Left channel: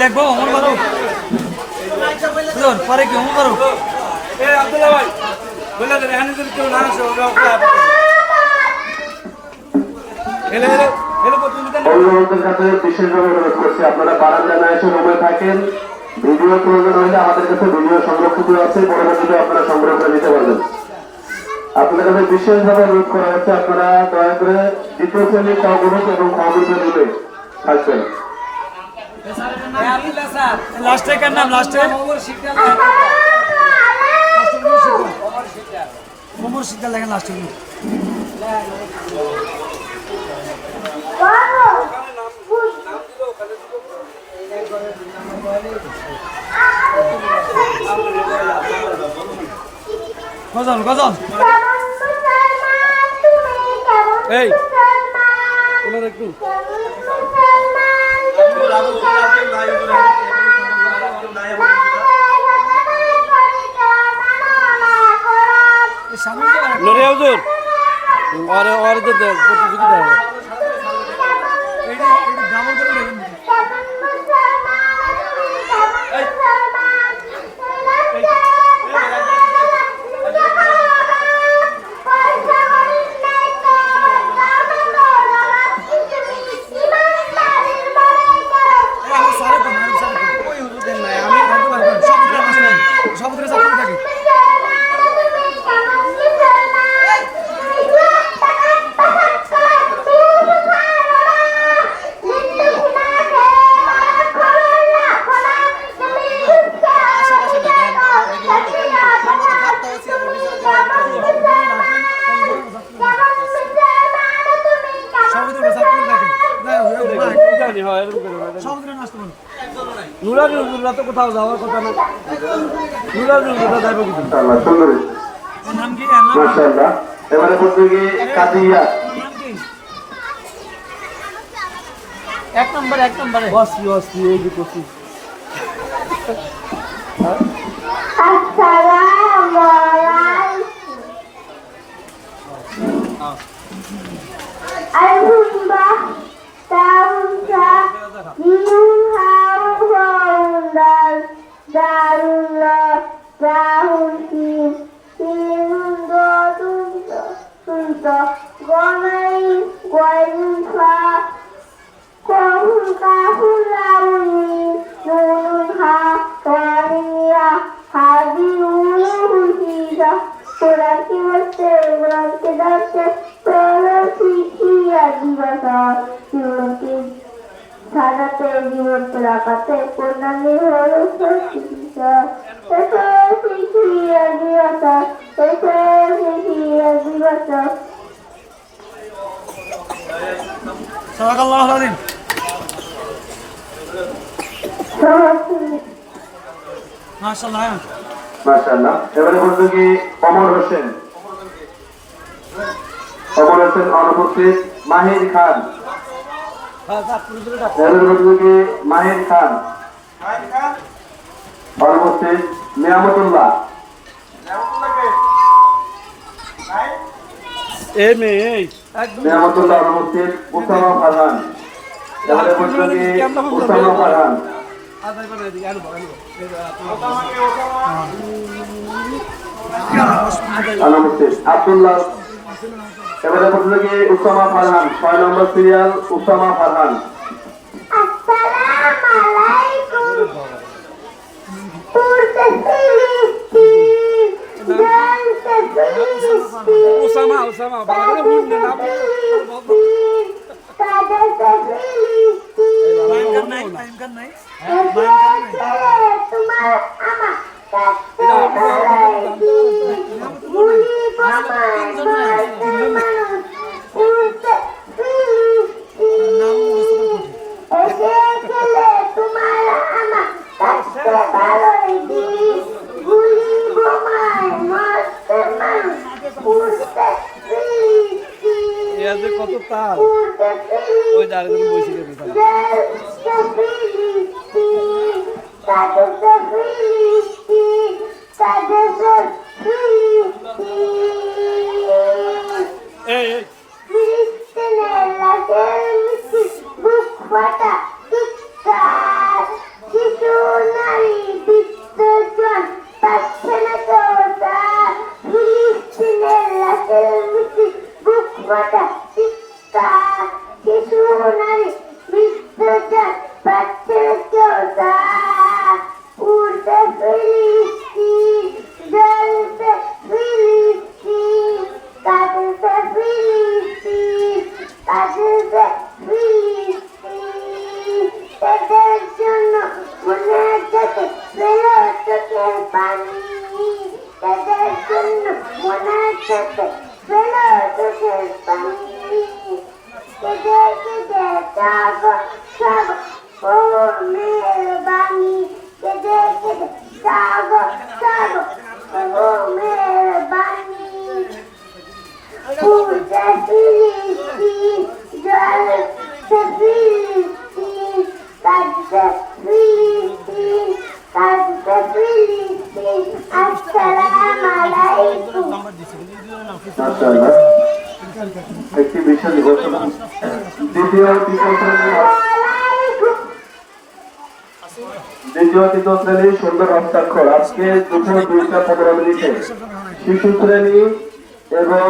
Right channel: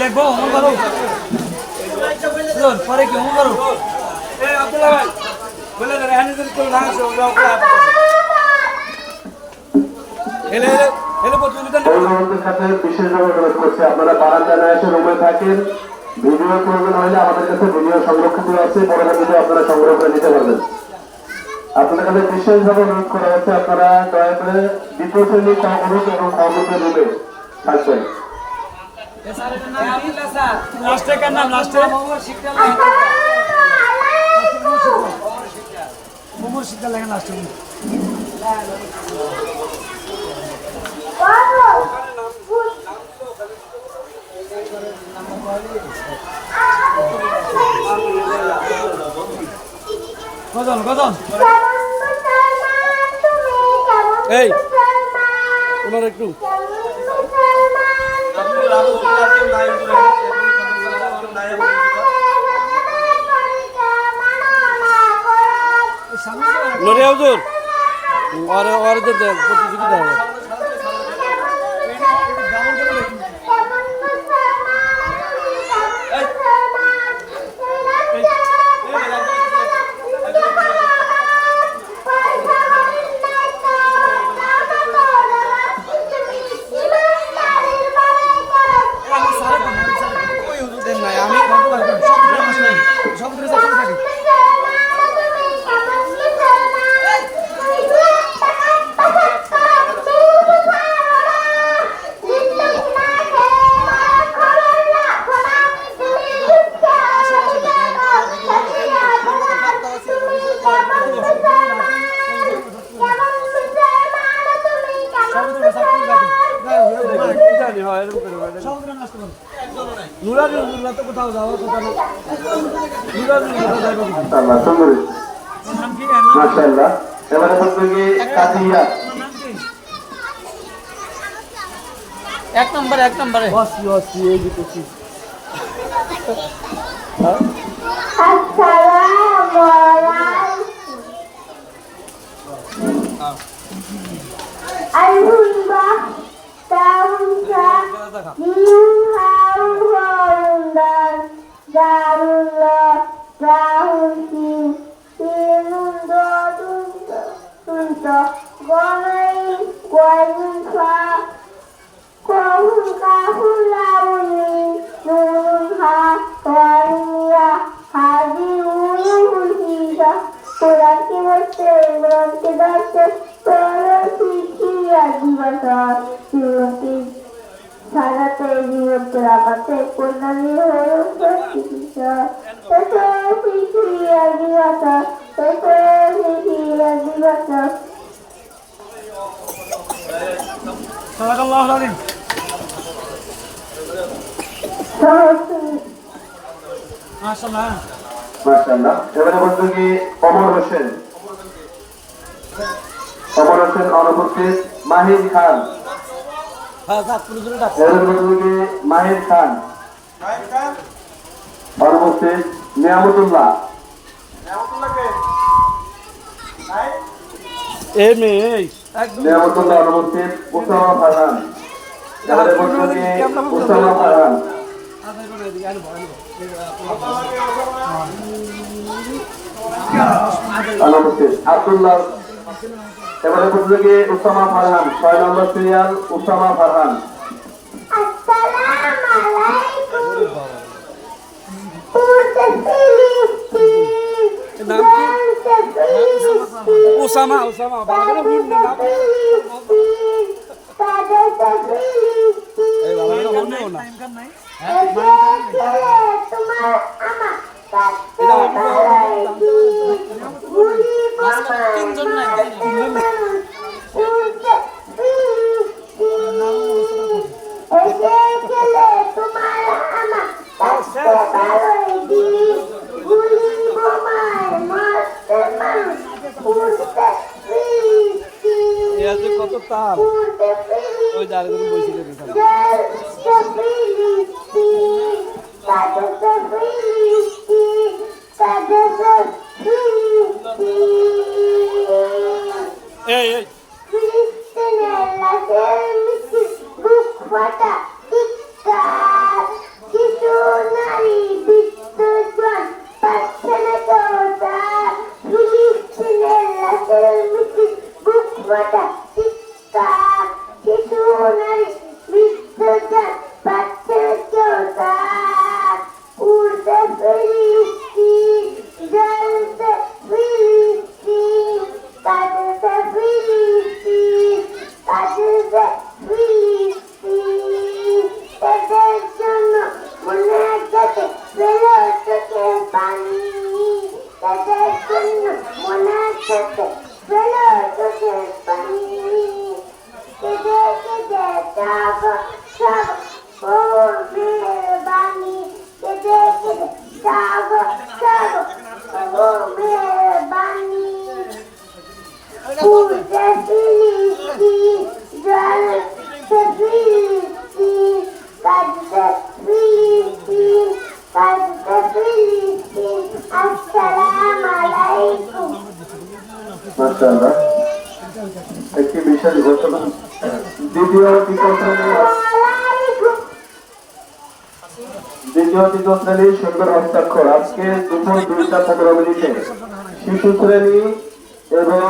লিখবো অমর করো পরে কি অমর করো বিশেষভাবে অনুরোধ করছি আপনারা বারান্দা না এসে রুমে থাকেন। ভিডিও প্রয়োজন হলে আমাদের কাছে ভিডিও সংরক্ষিত আছে, পরবর্তীতে আপনারা সংগ্রহ করে নিতে পারবেন। আপনাদের কাছে বিশেষভাবে অনুরোধ করা হচ্ছে আপনারা দয়া করে দ্বিতীয় শ্রেণী কগ্রুপ এবং কগ্রুপে রুমে থাকবেন। লাস্টে কার নাম লাস্টে মোমর শিক্ষা লাগে লাস্টে গজন গজন এই ওনার একটু নরে হুজুর আর প্রতিযোগিতা হবে কোথাও যাওয়ার কথা না এবারে এক নম্বরে অস্তি অস্তি এই যে করছি সাজাতে জীবনকে রাখাতে কল্যাণী হয়ে চিকিৎসা মাশাআল্লাহ। এবারে বলতে কি অমর হোসেন অনুপস্থিত মাহির খান মাহির খান অনুপস্থিত নিয়ামতুল্লাহ নিয়ামতুল্লাহ অনুপস্থিত উসামা ফারহান উসামা ফারহান অনুপস্থিত আব্দুল্লাহ এবারে বলতে কি উসামা ফারহান 6 নম্বর সিরিয়াল উসামা ফারহান উসামা বাংলা ভুল না কত তাল ওই দাঁড়িয়ে বসে গেছে মাতা পিতা শিশু নারী মৃত্যুটা পাচ্ছে চোতা উড়তে ফিরিস্তিন জ্বলতে ফিরিস্তিন কাঁদতে ফিরিস্তিন কাঁদতে ফিরিস্তিন তাদের জন্য মনে যাতে বেরো চোখের পানি তাদের জন্য মনে যাতে বেরো চোখের পানি কেঁদে কেঁদে যাব সব প্রভুর মেহেরবানি কেঁদে কেঁদে যাব সব প্রভুর মেহেরবানি উড়তে ফিরিস্তিন জ্বলতে ফিরিস্তিন কাঁদতে ফিলিস্তিন কাঁদতে ফিলিস্তিন আসসালামু আলাইকুম। মাশাআল্লাহ, একটি বিশাল ঘোষণা। দ্বিতীয় তৃতীয় শ্রেণী সুন্দর হস্তাক্ষর। আজকে দুপুর 2:15 শিশু শ্রেণী এবং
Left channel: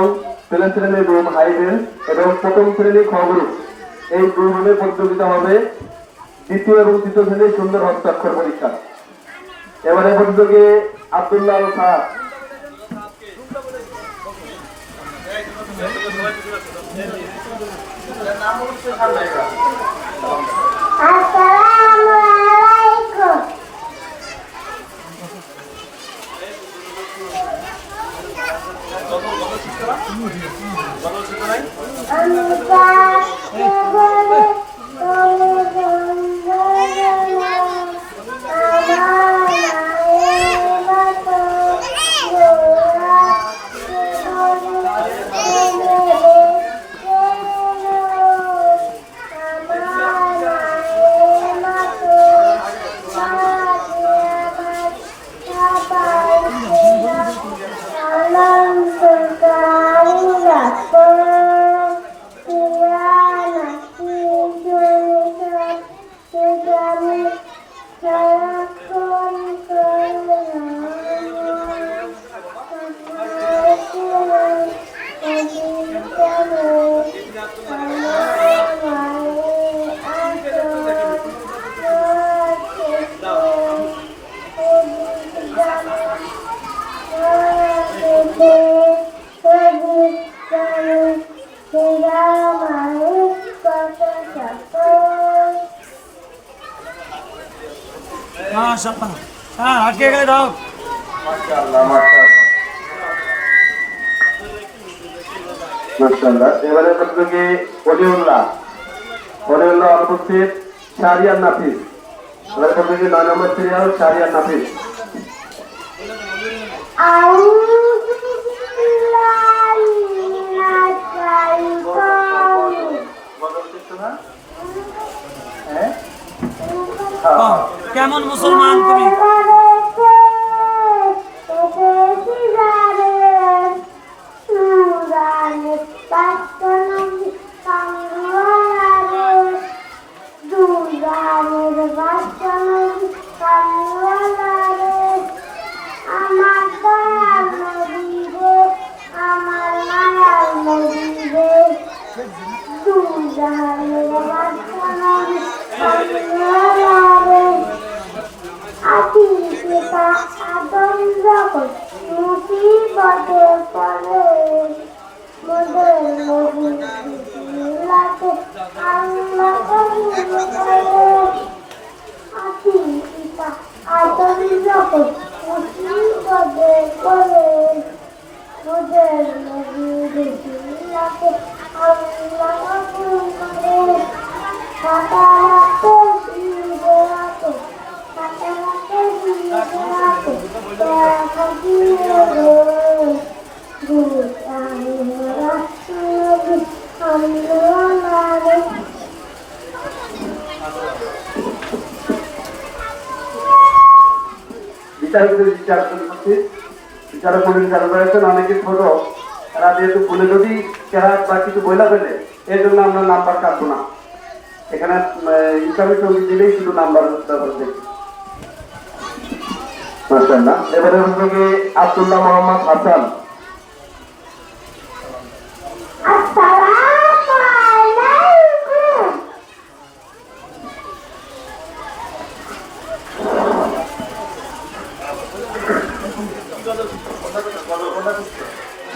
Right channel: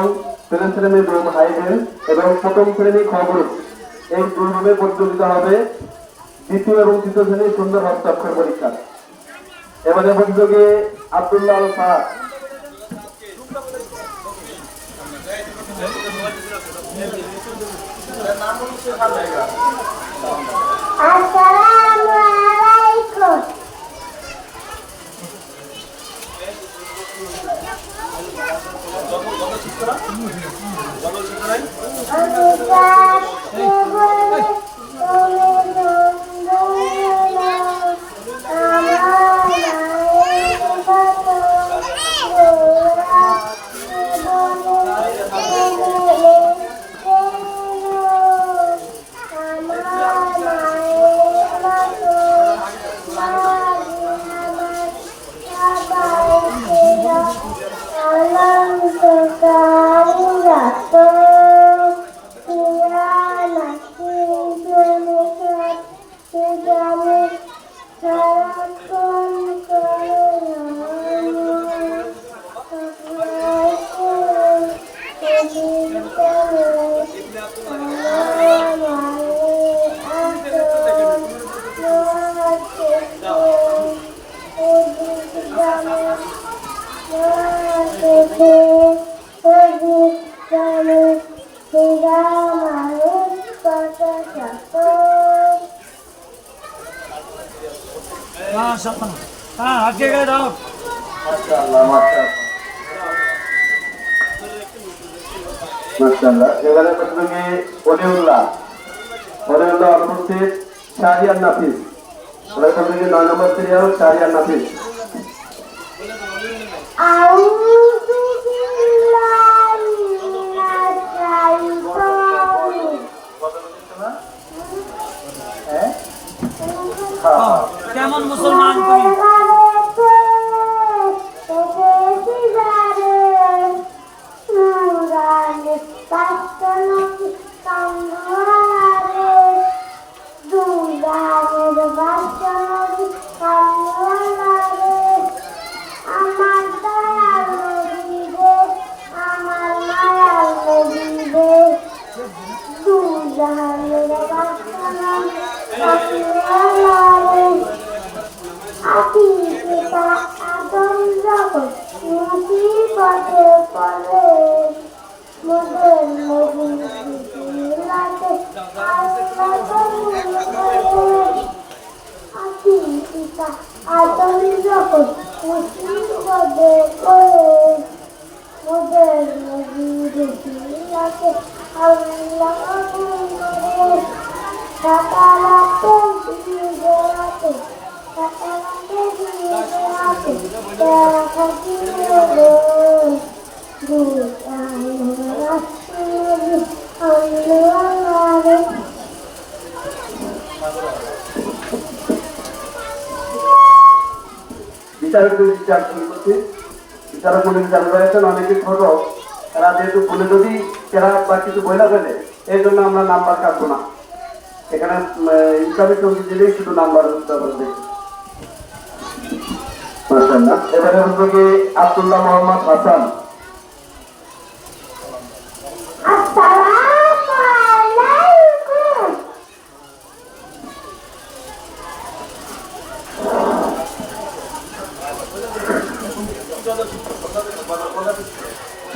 ছেলে শ্রেণীর রুম হাই বেঞ্চ এবং প্রথম শ্রেণী খ গ্রুপ, এই দুই রুমে প্রতিযোগিতা হবে দ্বিতীয় এবং তৃতীয় শ্রেণীর সুন্দর হস্তাক্ষর পরীক্ষা। এবারে প্রতিযোগী আব্দুল্লাহ আল স্যার। আসসালামু আলাইকুম। আমি যাকে বলে তোরে বন্ধু আমার মায়ের মতো আটকে গেলে দাও। মাশাআল্লাহ, মাশাআল্লাহ। এবারে প্রতিযোগী অলিউল্লাহ অনুপস্থিত। শাহরিয়ার নাফিস। এবারে প্রতিযোগী 9 নম্বর সিরিয়াল শাহরিয়ার নাফিস। কেমন মুসলমান তুমি? অনেকে ছোট, তারা যেহেতু বলে যদি বা কিছু বইলা ফেলে, এই জন্য আমরা নাম্বার কাটবো না। এখানে ইসলামিক সঙ্গীত দিলেই শুধু নাম্বার মাশাআল্লাহ। এবারে হচ্ছে কি আব্দুল্লাহ মোহাম্মদ হাসান। আসসালামু আলাইকুম।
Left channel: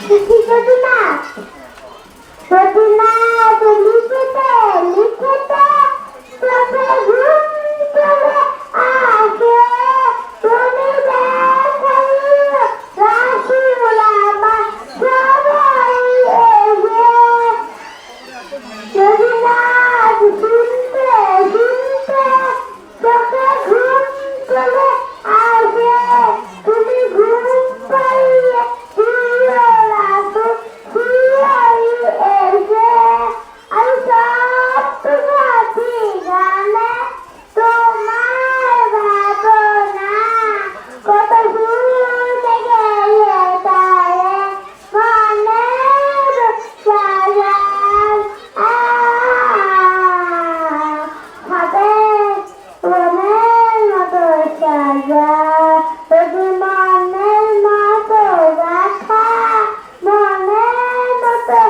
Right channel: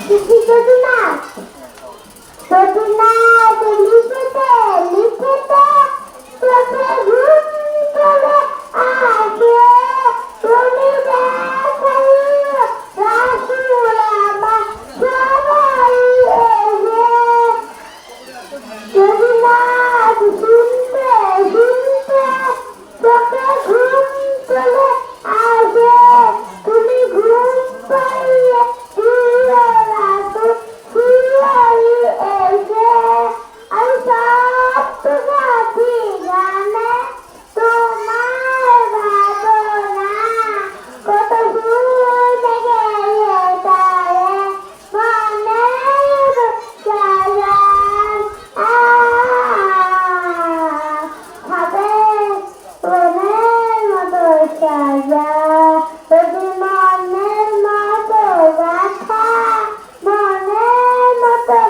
লিখিতে প্রতিমা লিখিতে লিখিতে তোকে ঘুম চলে আসে তুমি দেখাইও রাসূল আমার সবাই এসে যদি না শুনতে শুনতে তোকে ঘুম চলে আসে তুমি ঘুম পাইয়ে দিয়ে রাখো শিয়াই এসে আমি সব তোমাকে জানে তোমার ভাবনা কত শুনে গেলে তারে মনের সাজান ভাবে মনের মতো সাজা যদি মনের মতো রাখা মনের মতো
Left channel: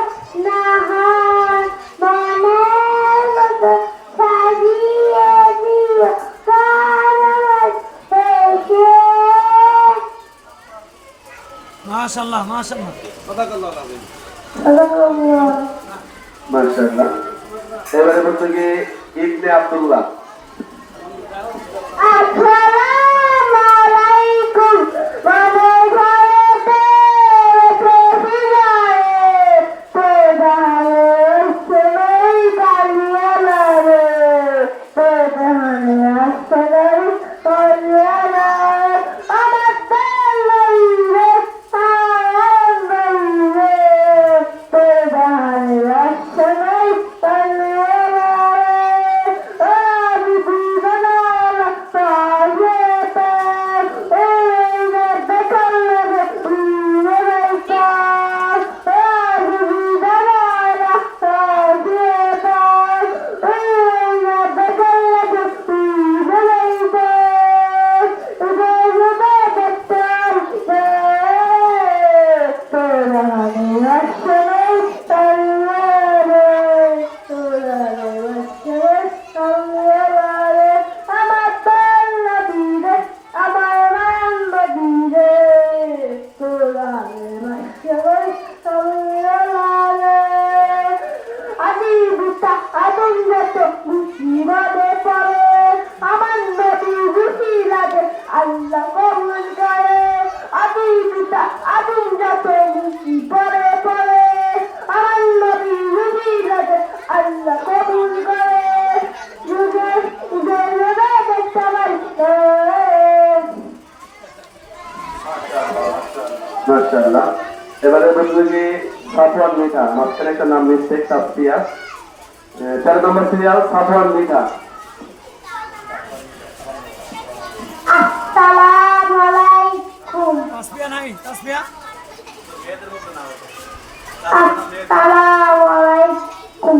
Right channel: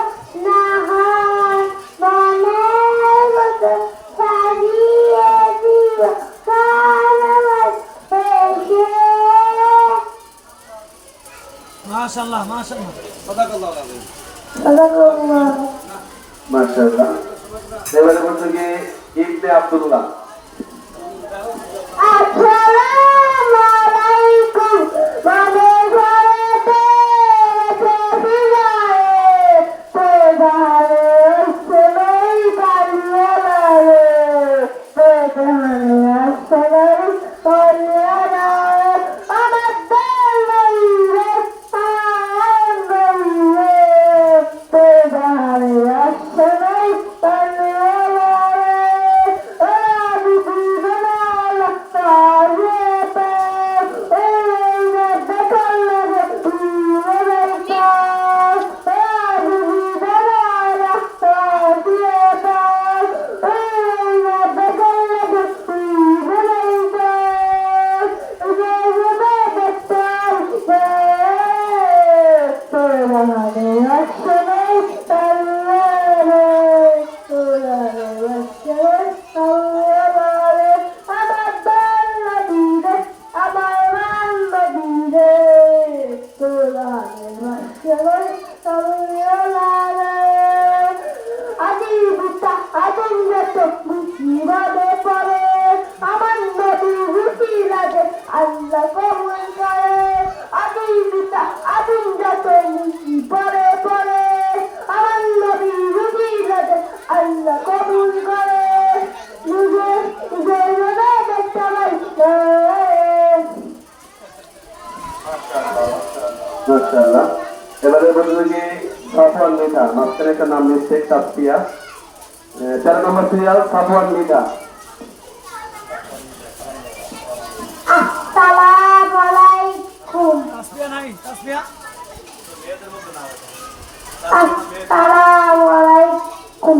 না হয় মনের মতো সাজিয়ে দিও কারণ এসে মাশাআল্লাহ মাশাআল্লাহ মাশাআল্লাহ। এবারে বলতে গিয়ে ইবনে আব্দুল্লাহ। আসসালামু আলাইকুম বাবা ঘরেতে এসে যায় প্রধান সময় কালিয়ে লাগে প্রধান আসসালাম কালিয়ে আমার দলইরে আনন্দে প্রধান আসসালাম কালিয়ে আমি বিধান সাজেতে এই বেকালে বিবেকা আমি বিধান সাজেতে এই বেকালে বিবেকা আল্লাহ কবুল করে আদিবিতা আদিম যাতে মুক্তি পরে পরে আমার নবী রুজিলাতে আল্লাহ কবুল করে যুগে যুগে দেখতে পাইছে মাশাআল্লাহ। এবারে বলতে গিয়ে সাফওয়ান মিঠা, মাঝখানে একটা নাম মিস্টেক সাফিয়া। 13 নম্বর সিরিয়াল সাফওয়ান মিঠা। আসসালামু আলাইকুম তাসবিয়া নাই তাসবিয়া আসসালামু আলাইকুম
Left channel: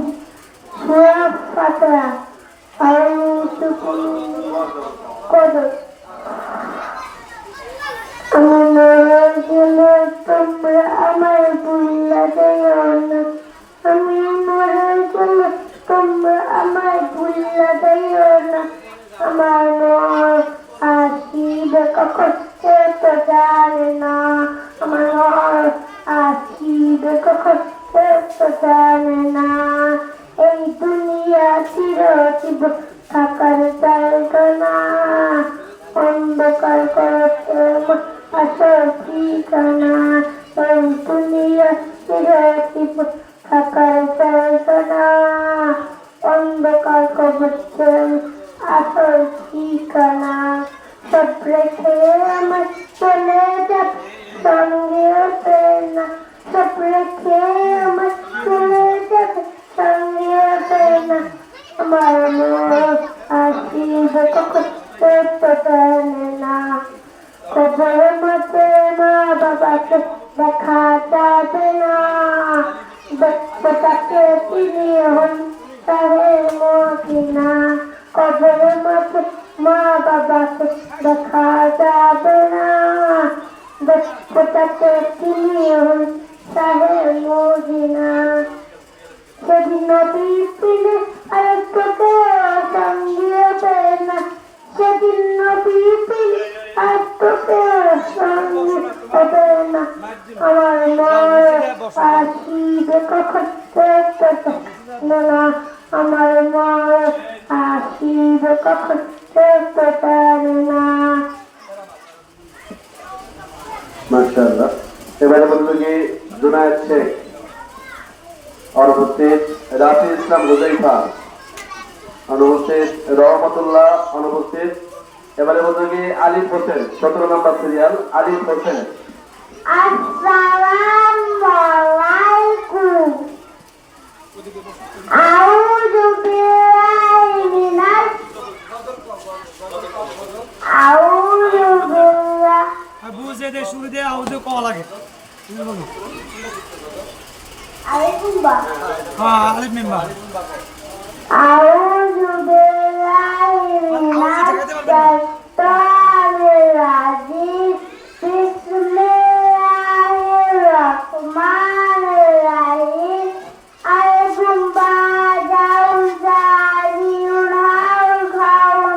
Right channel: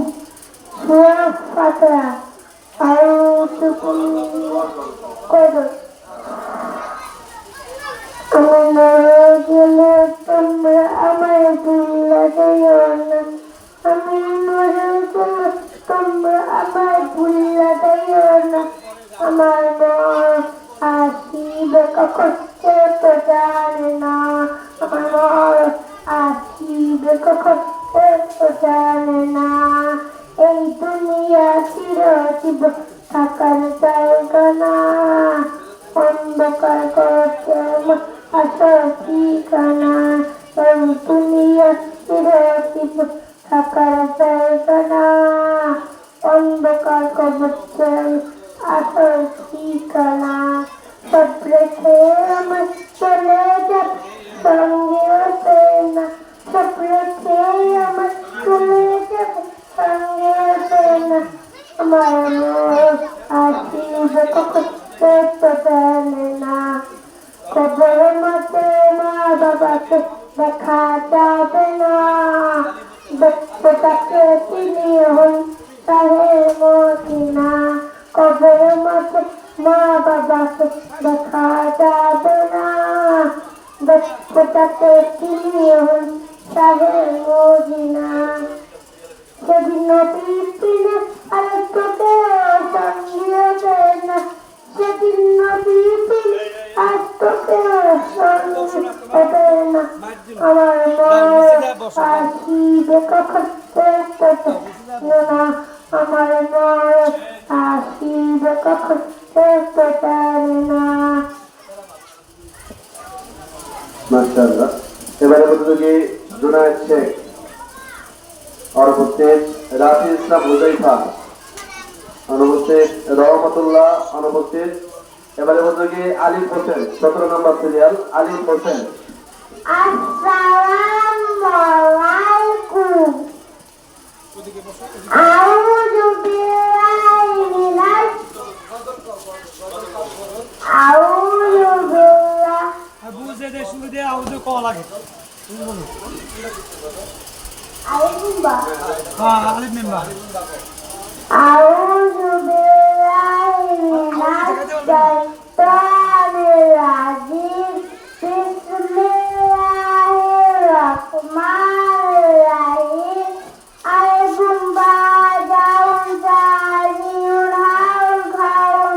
সূরা ফাতিহা আউযু বিল্লাহি আমার তোমরা আমার ভুলা দিও না আমি পড়ে তোমরা আমার ভুলা দিও না আমার মন আসিবে কখন সে তো জানে না আমার মন আসিবে কখন সে তো জানে না এই দুনিয়া চিরজীবন থাকার জায়গা না অন্ধকার করতে আমার আসল ঠিকানা এই দুনিয়া চিরজীবন থাকার জায়গা না অন্ধকার করতে আসল ঠিকানা সব রেখে আমার চলে যাব সঙ্গে আসে না সব রেখে আমার চলে যাব সঙ্গে আসে না আমার মন আসিবে কখন সে তো জানে না কবরের মধ্যে মা বাবাকে দেখা যাবে না ব্যস্ততাকে তিনি হন তাহে মদিনা কবরের মধ্যে মা বাবাকে দেখা যাবে না ব্যস্ততাকে তিনি হন তাহে মদিনা সেদিন নদীর তীরে আর তোকে সঙ্গে পেয়ে না সেদিন নদীর তীরে আর তোকে সঙ্গে পেয়ে না আমার মায়ের আসিবে কখন না আমার মায়ের আসিবে কখন পারে না। মাশাআল্লাহ। এবারে বলবো যে জুনায়েদ শেখ অনুপস্থিত, রাফি ইসলাম হুজাইফা অনুপস্থিত, রহমতুল্লাহ অনুপস্থিত। এবারে বলবো যে আলিফ হোসেন 17 নম্বর সিরিয়াল আলিফ হোসেন। আসসালামু আলাইকুম আউযু বিল্লাহি মিনাশ আউযু বিল্লাহি বুঝে দে শুরু দে আউযু কল লাগে আলাইকুম বা হ্যাঁ আলিফ মিম্বা আউযু বিল্লাহি মিনাশ শাইতানির রাজিম বিসমিল্লাহির রাহমানির রাহিম আলাইকুম বা জাউন জারিউন হাউল খাউন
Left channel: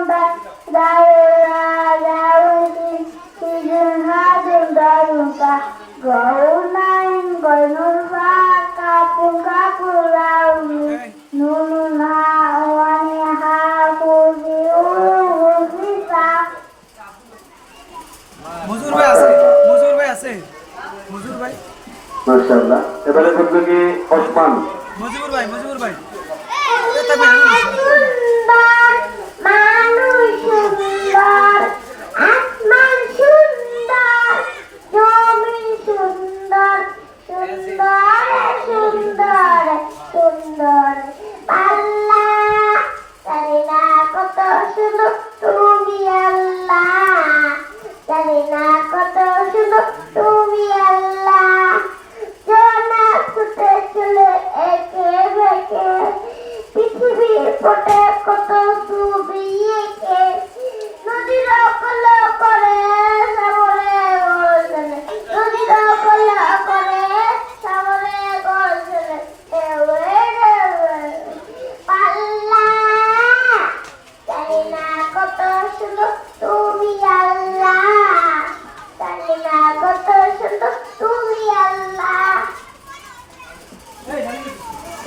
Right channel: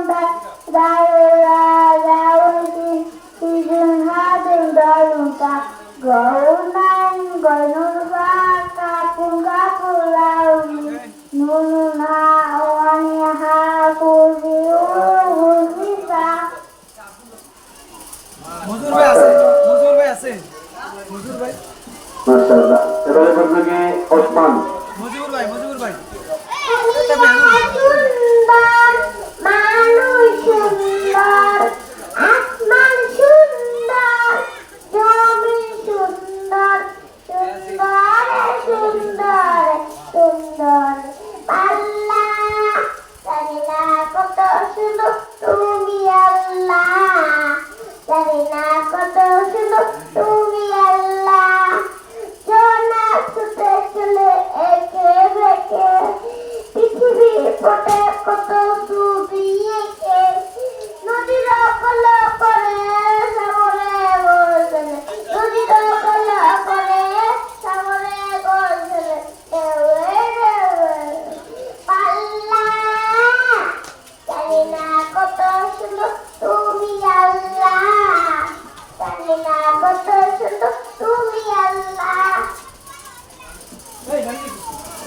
দাউলা দাউলি সিজন হাদুন দাউকা গৌনাইন গনুল বা কাপুন কাপুলাউনি নুনুনা ওয়ানিহা কুজিউ হুসিসা। মজুর ভাই আছে মজুর ভাই আছে মজুর ভাই মাশাআল্লাহ। এবারে বলবো যে ওসমান। মজুর ভাই সুন্দর মানুষ সুন্দর আসমান সুন্দর জমি সুন্দর সুন্দর সুন্দর সুন্দর পাল্লা জানি না কত সুন্দর তুমি আল্লাহ জানি না কত সুন্দর তুমি আল্লাহ জোনা ছুটে চলে একে বেঁকে পৃথিবীর পটে কত ছবি এঁকে নদীর কল করে সাগরে গর্জনে নদীর কল করে সাগরে গর্জনে পাল্লা জানি না কত সুন্দর তুমি আল্লাহ জানি না কত সুন্দর তুমি আল্লাহ।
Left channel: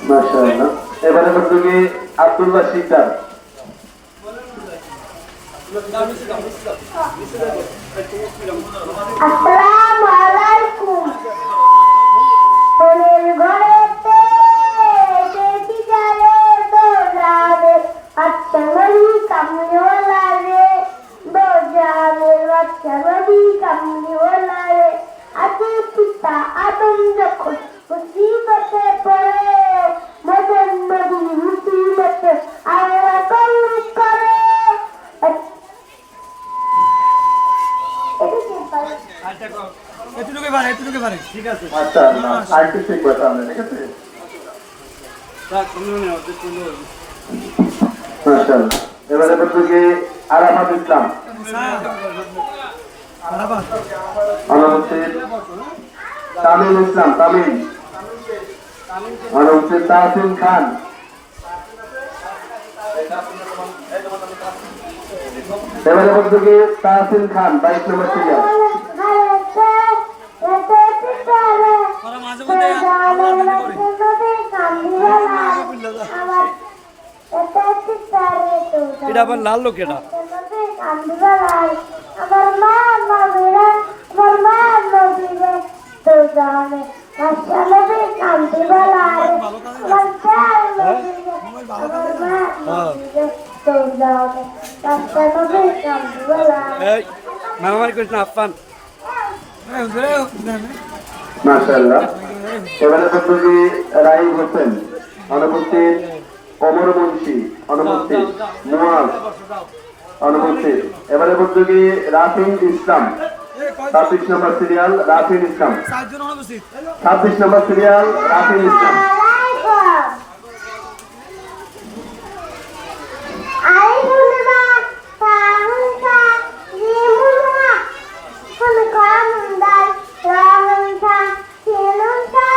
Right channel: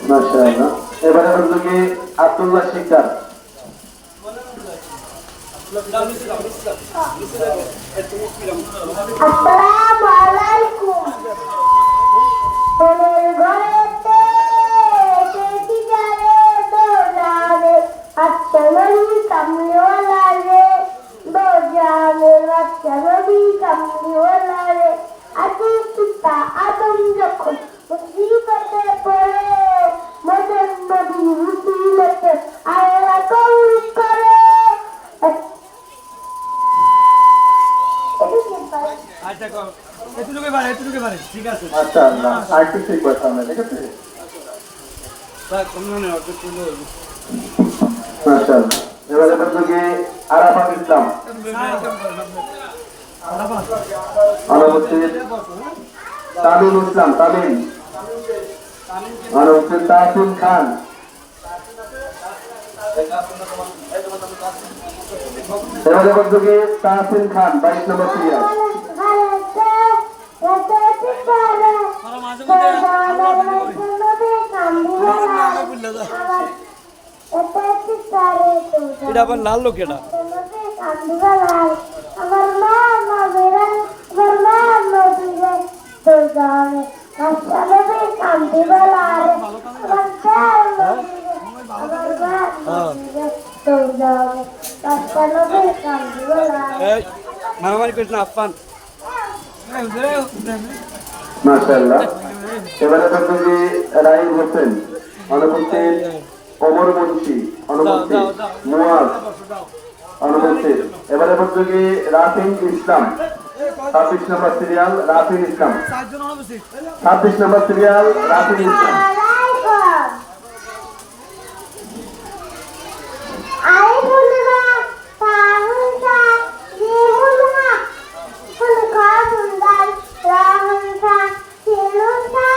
মাশাআল্লাহ। এবারে বলবো যে আব্দুল্লাহ শিকদার। আসসালামু আলাইকুম মনের ঘরেতে দেখি যারে দোলারে আচ্ছা মনি কামলিওয়ালা রে দোজারে আচ্ছা মনি কামলিওয়ালা রে আজে পিতা আদম যখন মুসিবতে পড়ে মদন নদী মুসিবতে আল্লাহ কবুল করে। এটুকু পারে ঠিক আছে মাশাআল্লাহ। আরেকটু শিখবো সামনে, ঠিক আছে? মাশাআল্লাহ। এবারে বলবো যে আরাফাত ইসলাম অনুপস্থিত, তামিম ইসলাম তামিম অনুপস্থিত, তাসিম খান এবারে বলবো যে তাসিম খান 22 নম্বর সিরিয়াল। মাঝে মধ্যে এটা আবার লাল লোক এটা আমার মা নবীরা আমার মা নবীরা তো জানে বাচ্চা নবী কান্দি বলারে আমার চাল নবীরা আমার মা নবীরা তো জানে বাচ্চা নবী কান্দি বলারে। এই মারামারি করিস না আফান। মাশাআল্লাহ। এবারে বলবো যে রাইম হোসেন অনুপস্থিত, ওমর মুন্সি অনুপস্থিত, মুয়াজ অনুপস্থিত। এবারে বলবো যে রাফিন ইসলাম 26 নম্বর সিরিয়াল রাফিন ইসলাম 26 নম্বর সিরিয়াল রাফিন ইসলাম। Con con đàn, con con,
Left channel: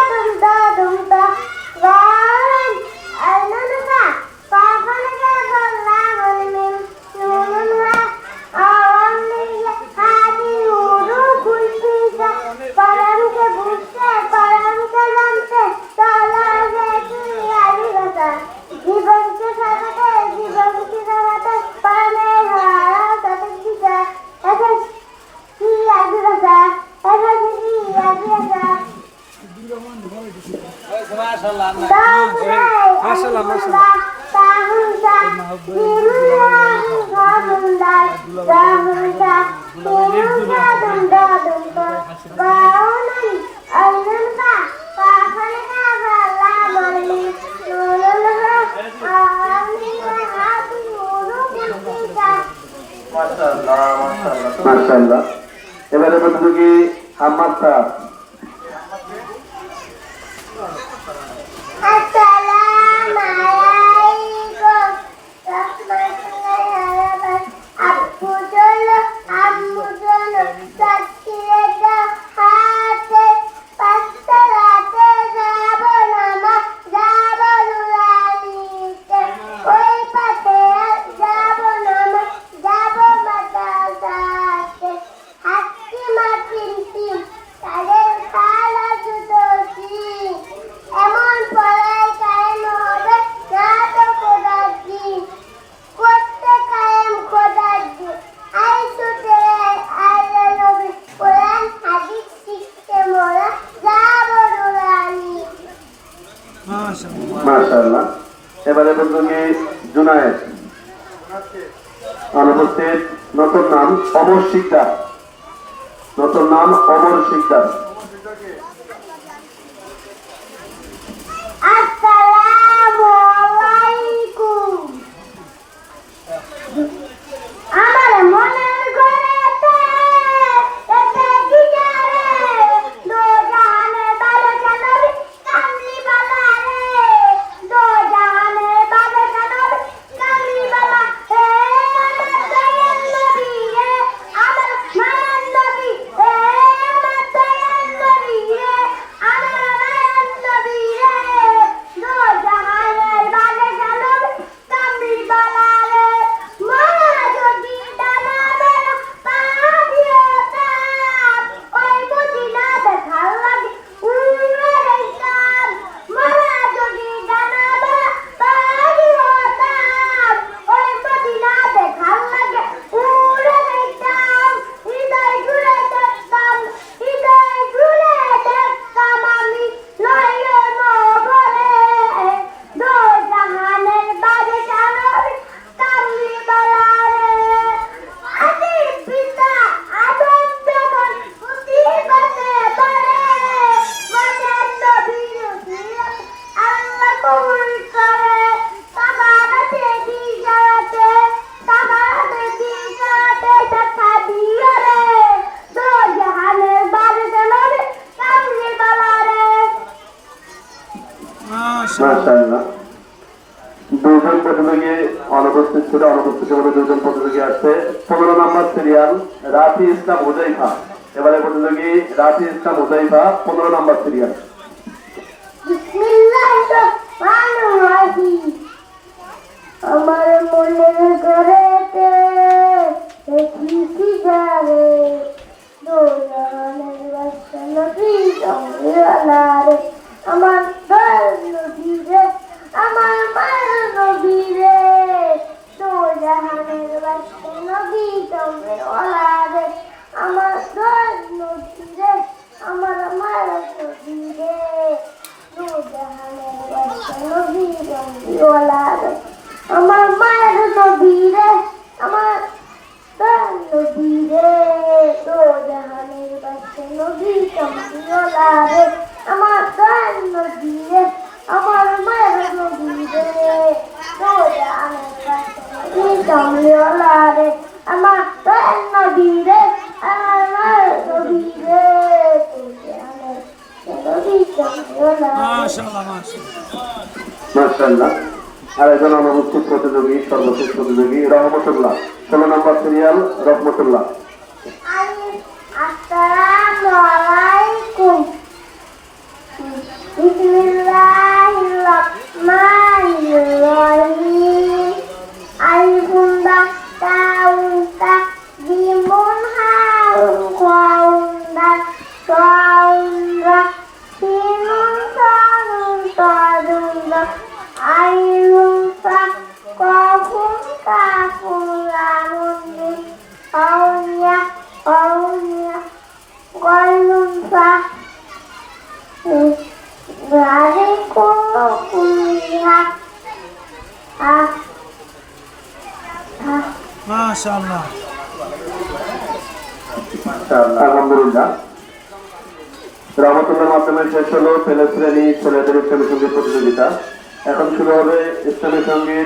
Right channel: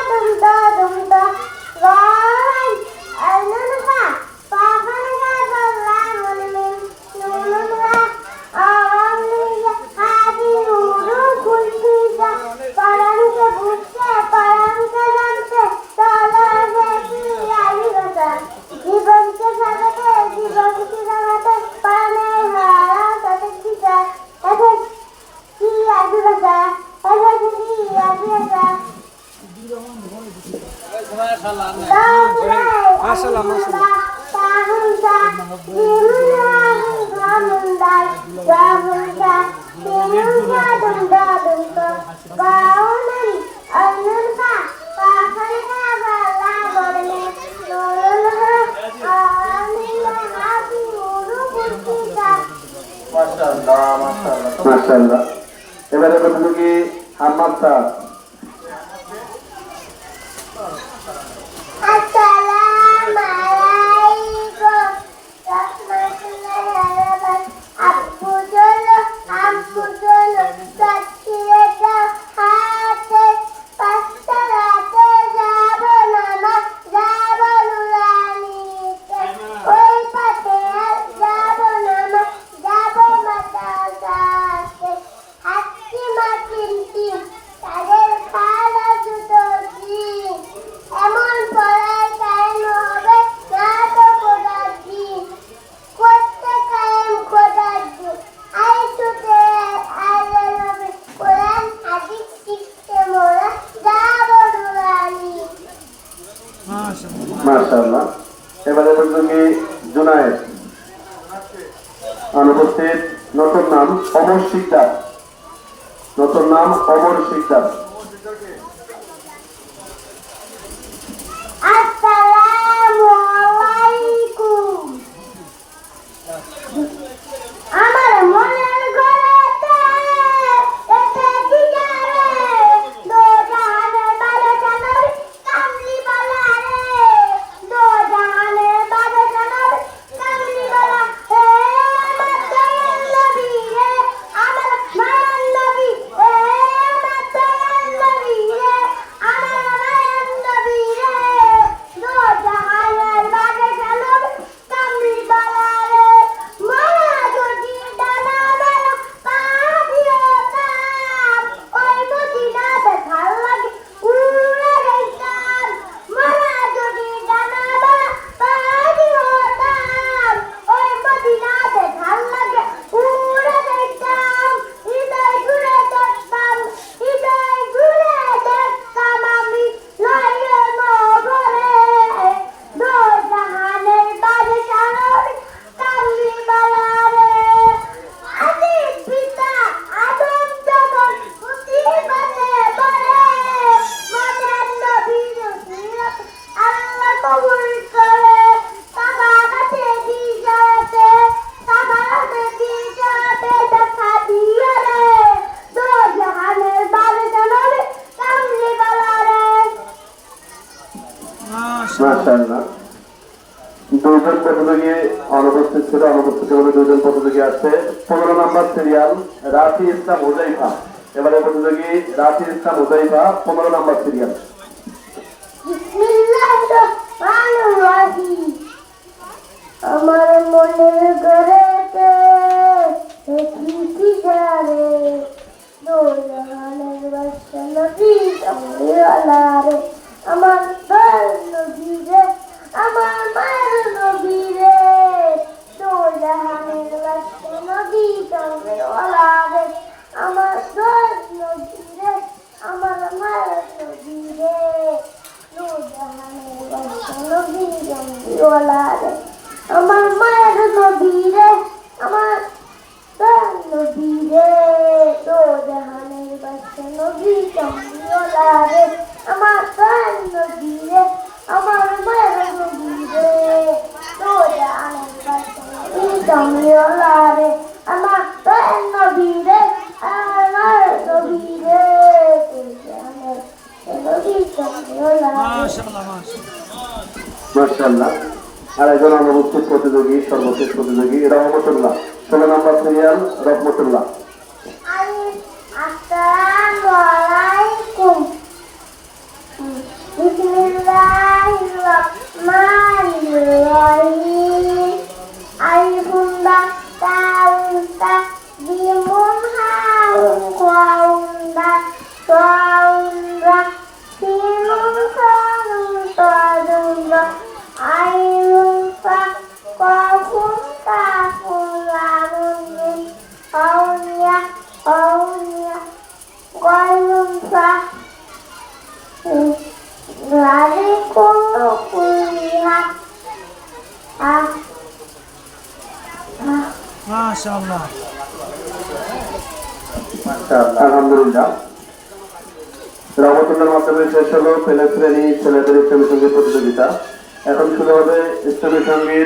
মাশাআল্লাহ, মাশাআল্লাহ। মাশাআল্লাহ। এবারে প্রতিযোগী হাম্মাদ স্যার। মাশাআল্লাহ। এবারে প্রতিযোগী জুনায়েদ। অনুপস্থিত। নতুন নাম অমর শিকদার। নতুন নাম অমর শিকদার। আসসালামু আলাইকুম। আমার মনের ঘরেতে এতে কি জানে দো জাহানের বাদশা নবী কামলিওয়ালা রে, দো জাহানের বাদশা নবী কামলিওয়ালা রে, আমার দয়াল নবী রে, আমার মায়ার নবী রে, আমার দয়াল নবী রে, আমার মায়ার নবী রে, দো জাহানের বাদশা নবী কামলিওয়ালা রে, মায়া যদি ডানা বেলা পা দিয়ে তাপ, ওই মদিনাতে ভাল লাগে উড়ে যাইতাম। মায়া যদি ডানা বেলা পা দিয়ে তাপ, ওই মদিনাতে ভাল লাগে উড়ে যাইতাম। হৃদয় জুড়ে দেখতাম, হৃদয় জুড়ে দেখতাম আমি নয়ন ভরে, দো জাহানের বাদশা নবী কামলিওয়ালা রে। আদির পিতা আদম যখন মুসিবতে পড়ে, মায়ার নবীর উসিয়ত আল্লাহ কবুল করে। সাহাবাতে হিজরতে, সাহাবাতে হিজরতে দেখা দিও রে, দো জাহানের বাদশা নবী কামলিওয়ালা রে। মাশাআল্লাহ। দুইজন প্রতিযোগী অনুপস্থিত ছিল। অনুপস্থিত বলে দুইজন প্রতিযোগী আসছে। 15 নম্বর সিরিয়াল রাফি ইসলাম হুজাইফা। এবারে প্রতিযোগী রাফি ইসলাম হুজাইফা, 15 নম্বর সিরিয়াল। বিসমিল্লাহির রহমানির রহিম। আমার মনের ঘরেতে দেখি কি জানে দো জাহানের বাদশা নবী কামলিওয়ালা রে, আমার দয়াল নবী রে, আমার মায়ের নবী রে, দো জাহানের বাদশা নবী কামলিওয়ালা রে, আমার দয়াল নবী রে, আমার মায়ের নবী রে, দো জাহানের বাদশা নবী কামলিওয়ালা রে, আমার মায়ের নবী রে, আমার দয়াল নবী রে, দো জাহানের বাদশা নবী কামলিওয়ালা রে, আমার দয়াল নবী রে, আমার মায়ের নবী রে, দো জাহানের বাদশা নবী কামলিওয়ালা রে, আমার দয়াল নবী রে, আমার মায়ের নবী রে, দো জাহানের নবী কামলিওয়ালা রে। মাশাআল্লাহ, মাশাআল্লাহ। মাশাআল্লাহ। আর একজন অনুপস্থিত প্রতিযোগী, সর্বশেষ প্রতিযোগী রহমতুল্লাহ, 16 নম্বর সিরিয়াল রহমতুল্লাহ। আসসালামু আলাইকুম। বিসমিল্লাহির রহমানির রহিম। আলিফুন বা তাউন তা জিমুন হাউন খাউন দা তাউন রা সিনুন সানুন তাদুন দা আইনুন সা কাফুন কাফুন লানুন নুন আউনিয়া আউনিয়া গায়ুন সা জালিকুম কুলিহা মাশাআল্লাহ। আলহামদুলিল্লাহ। রহমতুল্লাহর মাধ্যমে শেষ হলো পেলে শ্রেণী ছেলেদের ইসলামী সঙ্গীত প্রতিযোগিতা। এখন শুরু হবে ইসলামী সঙ্গীত